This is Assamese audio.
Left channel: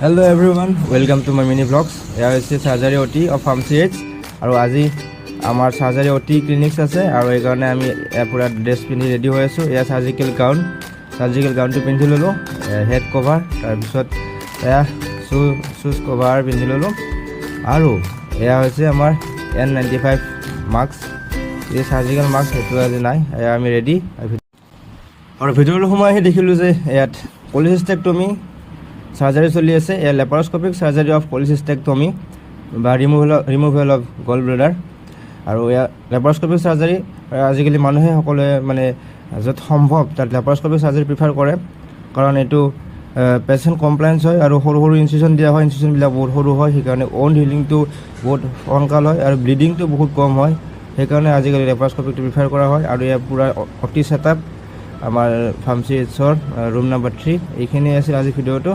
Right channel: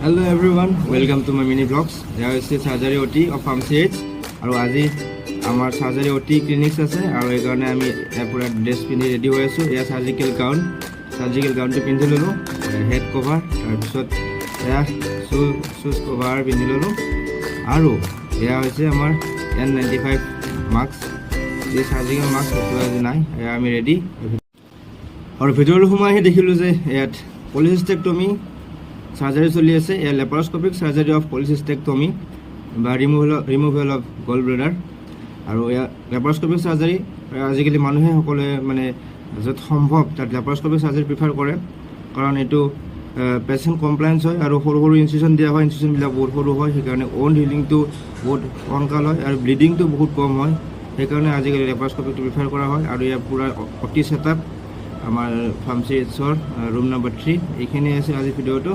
Hello everyone, welcome to my mini vlogs. Here is the surgery OT of Pharmacy H. আৰু আজি আমাৰ সাৰ্জাৰী OT ক্লিনিক্স আছে আৰু এই কাৰণে আমি পুৰা ড্ৰেছ পিন্ধি ৰেডি হৈ আছোঁ। এয়া সাৰ্জিকেল গাউনটো পিন্ধি ল'লোঁ, হেড কভাৰ, তাৰপিছত এয়া শ্বুজ কভাৰ পিন্ধি ল'লোঁ আৰু এয়া হৈছে আমাৰ N95 মাস্ক। এই সাৰ্জিকেল মাস্ক সেইটো আজি নাই, এয়া আমি ৰেডি। আৰু ভিতৰলৈ সোমাই আহি দেখিলোঁ যে ইয়াত পলিচিষ্টেক্টমি সাৰ্জাৰী চলি আছে। এয়া লেপাৰস্কপিক সাৰ্জাৰী অফ পলিচিষ্টেক্টমি বা ৰিমুভেল অফ গল ব্লেডাৰ। আৰু এয়া লেপাৰস্কপিক সাৰ্জাৰী আজিকালি মানুহে সকলোৱে মানে য'ত সম্ভৱ তাত লেপাৰস্কপিক সাৰ্জাৰী প্ৰিফাৰ কৰে, কাৰণ এইটো পেচেণ্ট কমপ্লায়েঞ্চ হয় আৰু সৰু ইনচিশ্যন দিয়া হয়, ইনচিশ্যনবিলাক বহুত সৰু হয়, সেইকাৰণে অন হিলিংটো বহুত সোনকাল হয় আৰু ব্লিডিংটো বহুত কম হয়, সেইকাৰণে আজিকালি লেপাৰস্কপিকটো প্ৰিফাৰ কৰা হয়। আৰু ইয়াৰ পূৰা অতি ছেটআপ আমাৰ ফাৰ্মাচী এইচৰ ৰুম নম্বৰ 3 এইখিনি আছিল আজি ভিডিঅ'টো।